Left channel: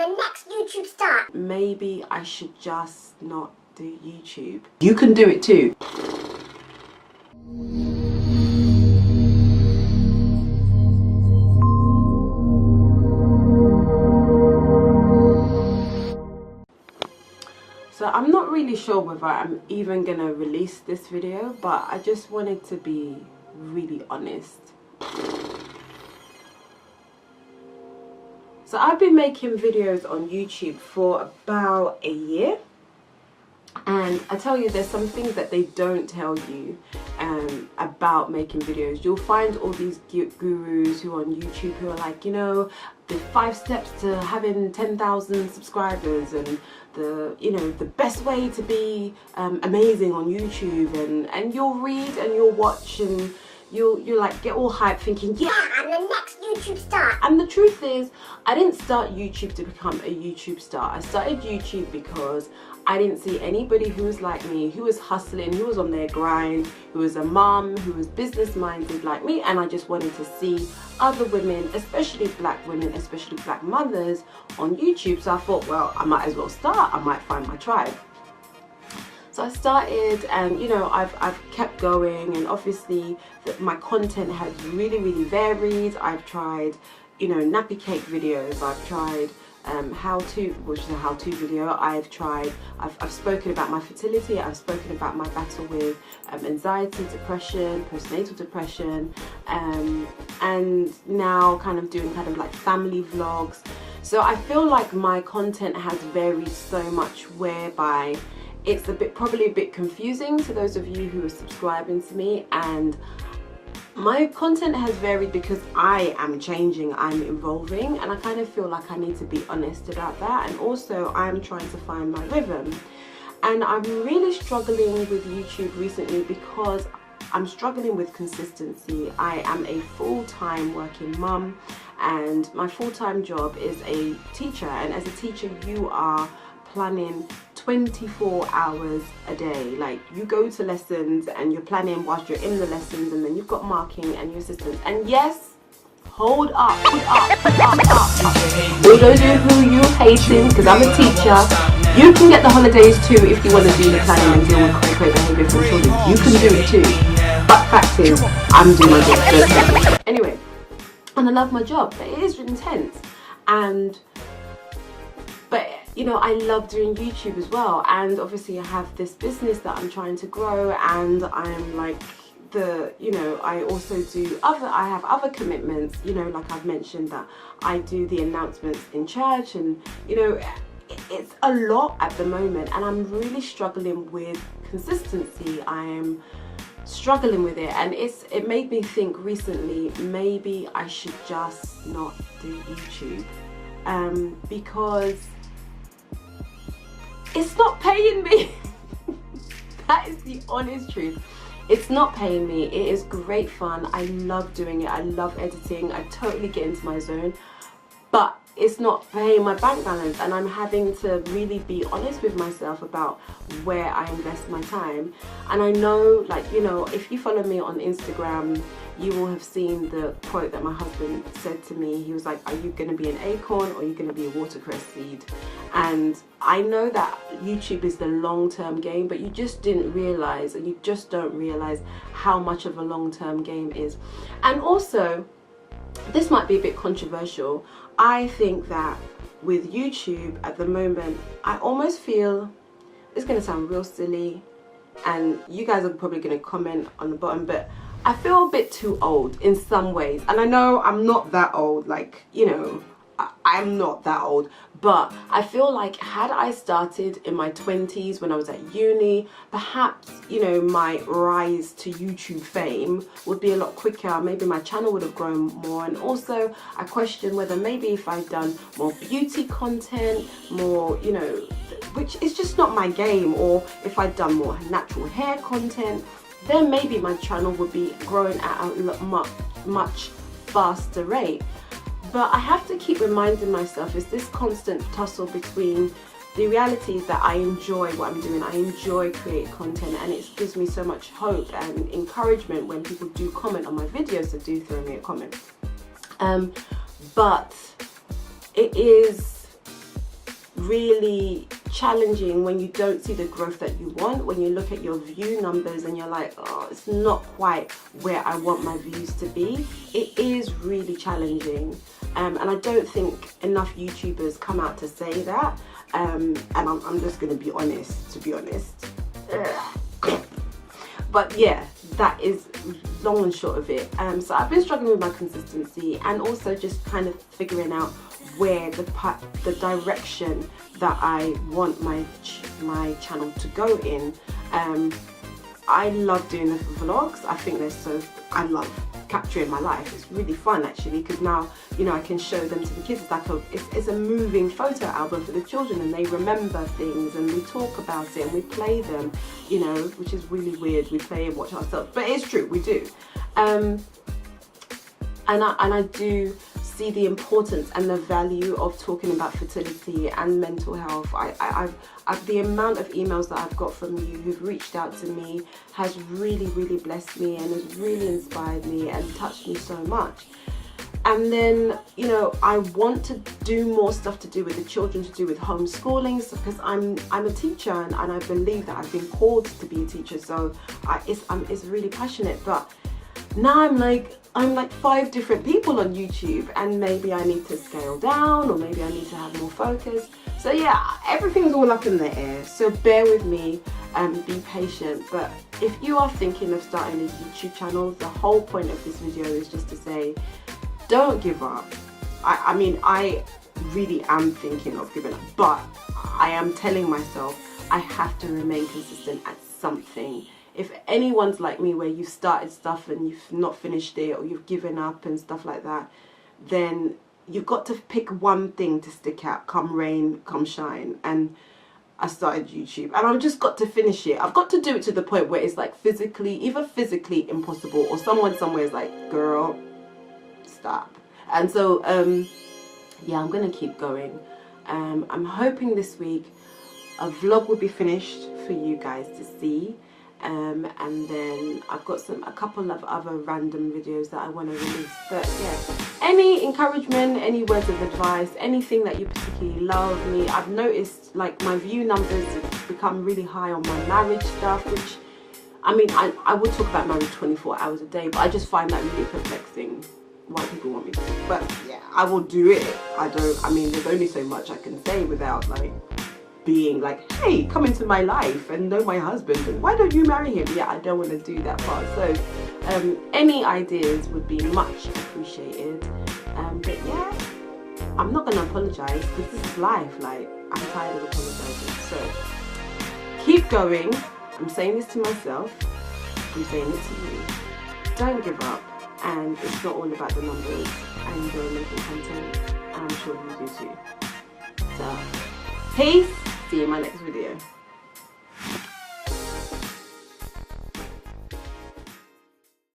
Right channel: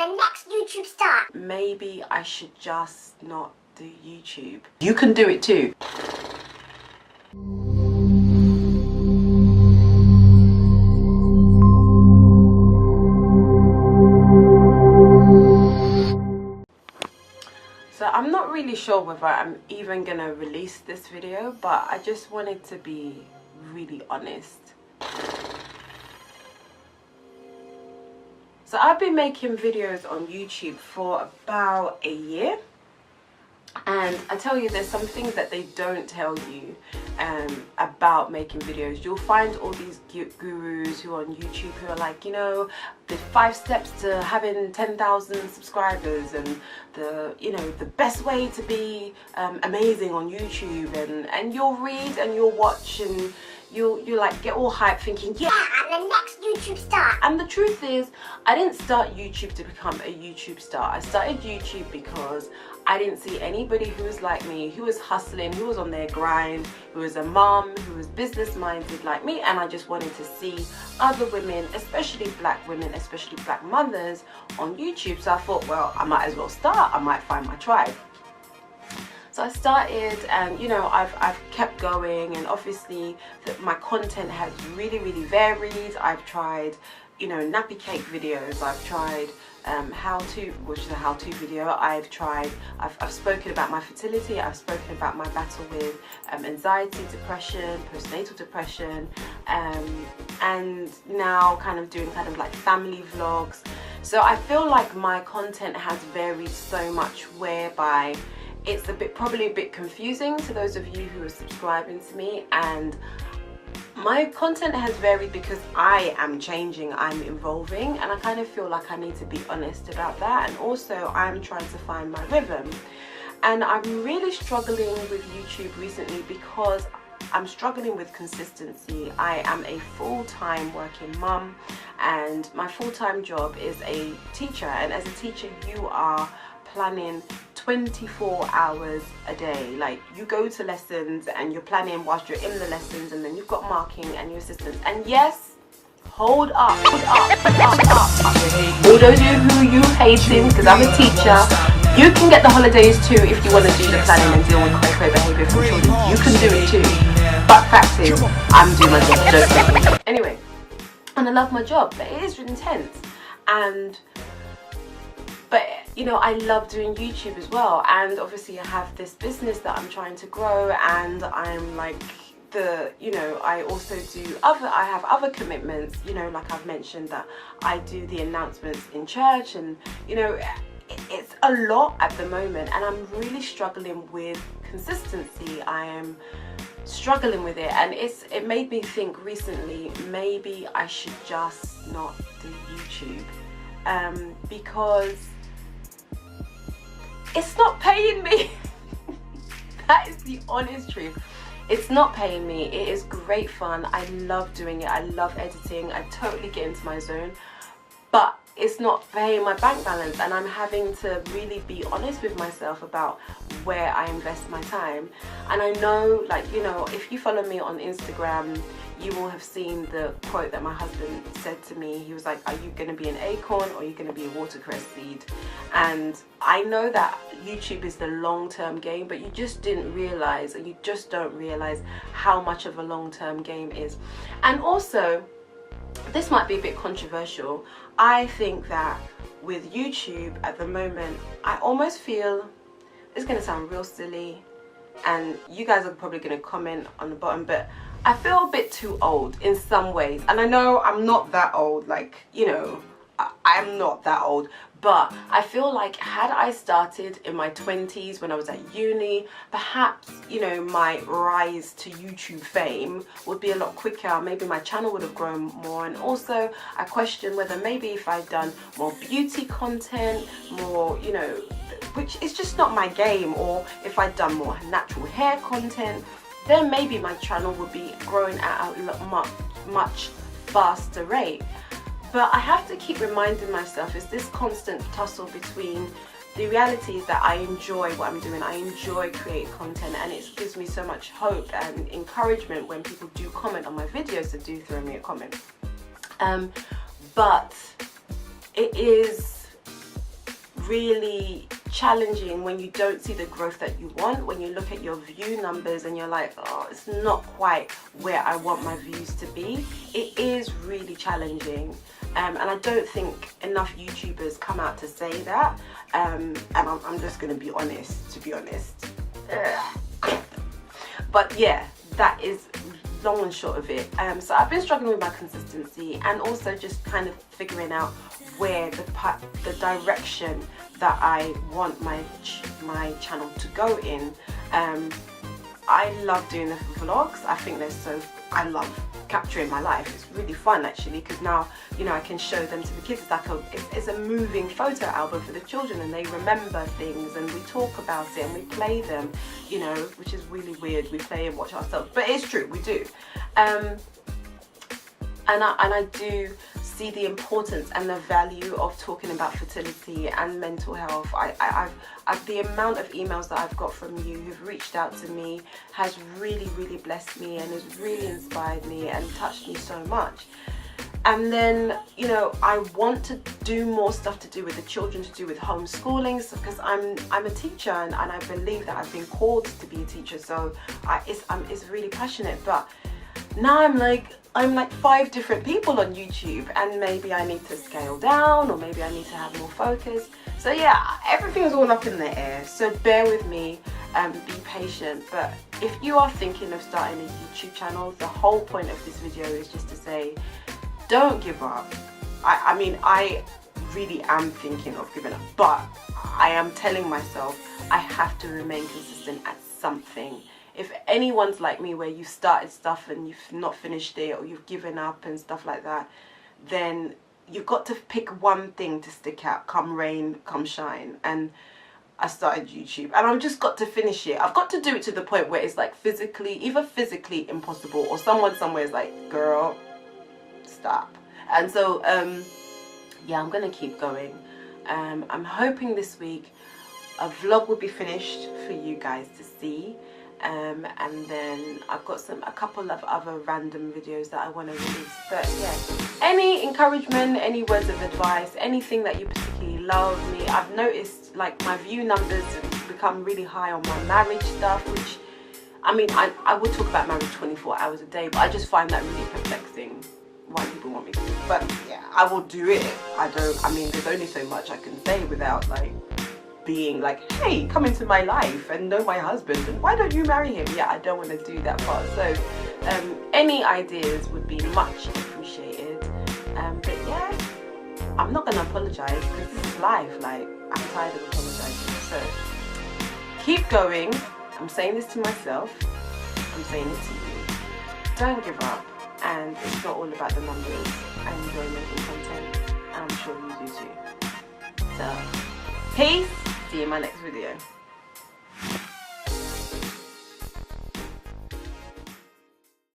the next YouTube star. Maybe I should just not do YouTube. You can do it too. So I'm not really sure whether I'm even gonna release this video, but I just wanted to be really honest. So I've been making videos on YouTube for about a year, and I tell you, there's some things that they don't tell you about making videos. You'll find all these gurus who are on YouTube who are like, you know, the 5 steps to having 10,000 subscribers, and the, you know, the best way to be amazing on YouTube, and you'll read and you'll watch and you like get all hyped thinking, yeah, I'm the next YouTube star. and the truth is, I didn't start YouTube to become a YouTube star. I started YouTube because I didn't see anybody who was like me, who was hustling, who was on their grind, who was a mom, who was business minded like me, and I just wanted to see other women, especially black women, especially black mothers on YouTube. So I thought, well, I might as well start. I might find my tribe. So I started, and you know, I've kept going, and obviously my content has really varied. I've tried, you know, nappy cake videos. I've tried which is a how-to video. I've spoken about my fertility. I've spoken about my battle with anxiety, depression, postnatal depression, and now kind of doing kind of like family vlogs. So I feel like my content has varied so much, whereby it's probably a bit confusing to those of you who are subscribing to me, and my content has varied because I am changing, I'm evolving, and I kind of feel like I need to be honest about that. And also I'm trying to find my rhythm, and I'm really struggling with YouTube recently because I'm struggling with consistency. I am a full-time working mum, and my full-time job is a teacher, and as a teacher you are planning 24 hours a day. Like, you go to lessons and you're planning whilst you're in the lessons, and then you've got marking and your assistants. And yes, hold up. For those of you who you hating, because I'm a teacher, you can get the holidays too if you want to do the planning and deal with cray behaviour from children. You can do it too. But fact is, I'm doing my job. Anyway, and I love my job, but it is intense. But you know, I love doing YouTube as well, and obviously I have this business that I'm trying to grow, and I'm like you know, I also do I have other commitments, you know, like I've mentioned that I do the announcements in church, and you know, it's a lot at the moment, and I'm really struggling with consistency. I am struggling with it, and it made me think recently, maybe I should just not do YouTube, because it's not paying me. That is the honest truth. It's not paying me. It is great fun. I love doing it. I love editing. I totally get into my zone, but it's not paying my bank balance, and I'm having to really be honest with myself about where I invest my time. And I know, like, you know, if you follow me on Instagram, you will have seen the quote that my husband said to me. He was like, are you going to be an acorn, or are you going to be a watercress seed? And I know that YouTube is the long-term game, but you just didn't realize, or you just don't realize how much of a long-term game is. And also, this might be a bit controversial. I think that with YouTube at the moment, I almost feel, it's going to sound real silly, and you guys are probably going to comment on the bottom, but I feel a bit too old in some ways. And I know I'm not that old, like, you know, I'm not that old, but I feel like had I started in my 20s when I was at uni, perhaps, you know, my rise to YouTube fame would be a lot quicker. Maybe my channel would have grown more. And also I question whether maybe if I'd done more beauty content, more, you know, which is just not my game, or if I'd done more natural hair content, then maybe my channel would be growing at a much faster rate. But I have to keep reminding myself, it's this constant tussle between the reality is that I enjoy what I'm doing. I enjoy creating content, and it gives me so much hope and encouragement when people do comment on my videos, so do throw me a comment. But it is really challenging when you don't see the growth that you want, when you look at your view numbers and you're like, oh, it's not quite where I want my views to be. It is really challenging, and I don't think enough YouTubers come out to say that, and I'm just gonna be honest, to be honest. But yeah, that is long and short of it. So I've been struggling with my consistency, and also just kind of figuring out where the direction that I want my channel to go in. I love doing the vlogs. I think I love capturing my life. It's really fun actually, because now, you know, I can show them to the kids. It's like it's a moving photo album for the children, and they remember things, and we talk about it and we play them, you know, which is really weird. We play and watch ourselves, but it's true, we do. And I do see the importance and the value of talking about fertility and mental health. The amount of emails that I've got from you who've reached out to me has really, really blessed me and has really inspired me and touched me so much. And then, you know, I want to do more stuff to do with the children, to do with homeschooling, because I'm a teacher, and I believe that I've been called to be a teacher, so it's really passionate. But now I'm like 5 different people on YouTube, and maybe I need to scale down, or maybe I need to have more focus. So yeah, everything's all up in the air, so bear with me, be patient. But if you are thinking of starting a YouTube channel, the whole point of this video is just to say, don't give up. I mean, I really am thinking of giving up, but I am telling myself I have to remain consistent at something. If anyone's like me, where you've started stuff and you've not finished it, or you've given up and stuff like that, then you've got to pick one thing to stick out, come rain, come shine. And I started YouTube, and I've just got to finish it. I've got to do it to the point where it's like either physically impossible, or someone somewhere is like, girl, stop. And so yeah, I'm gonna keep going. I'm hoping this week a vlog will be finished for you guys to see. And then I've got a couple of other random videos that I want to release. But yeah, any encouragement, any words of advice, anything that you particularly love me. I've noticed like my view numbers have become really high on my marriage stuff, which, I mean, I would talk about marriage 24 hours a day, but I just find that really perplexing why people want me to. But yeah, I will do it. I mean, there's only so much I can say without like being like, hey, come into my life and know my husband, and why don't you marry him? Yeah, I don't want to do that part. So any ideas would be much appreciated. But yeah, I'm not gonna apologize, because this is life. Like, I'm tired of apologizing. So keep going. I'm saying this to myself, I'm saying it to you. Don't give up, and it's not all about the numbers. I enjoy making content, and I'm sure you do too. So peace. See you in my next video.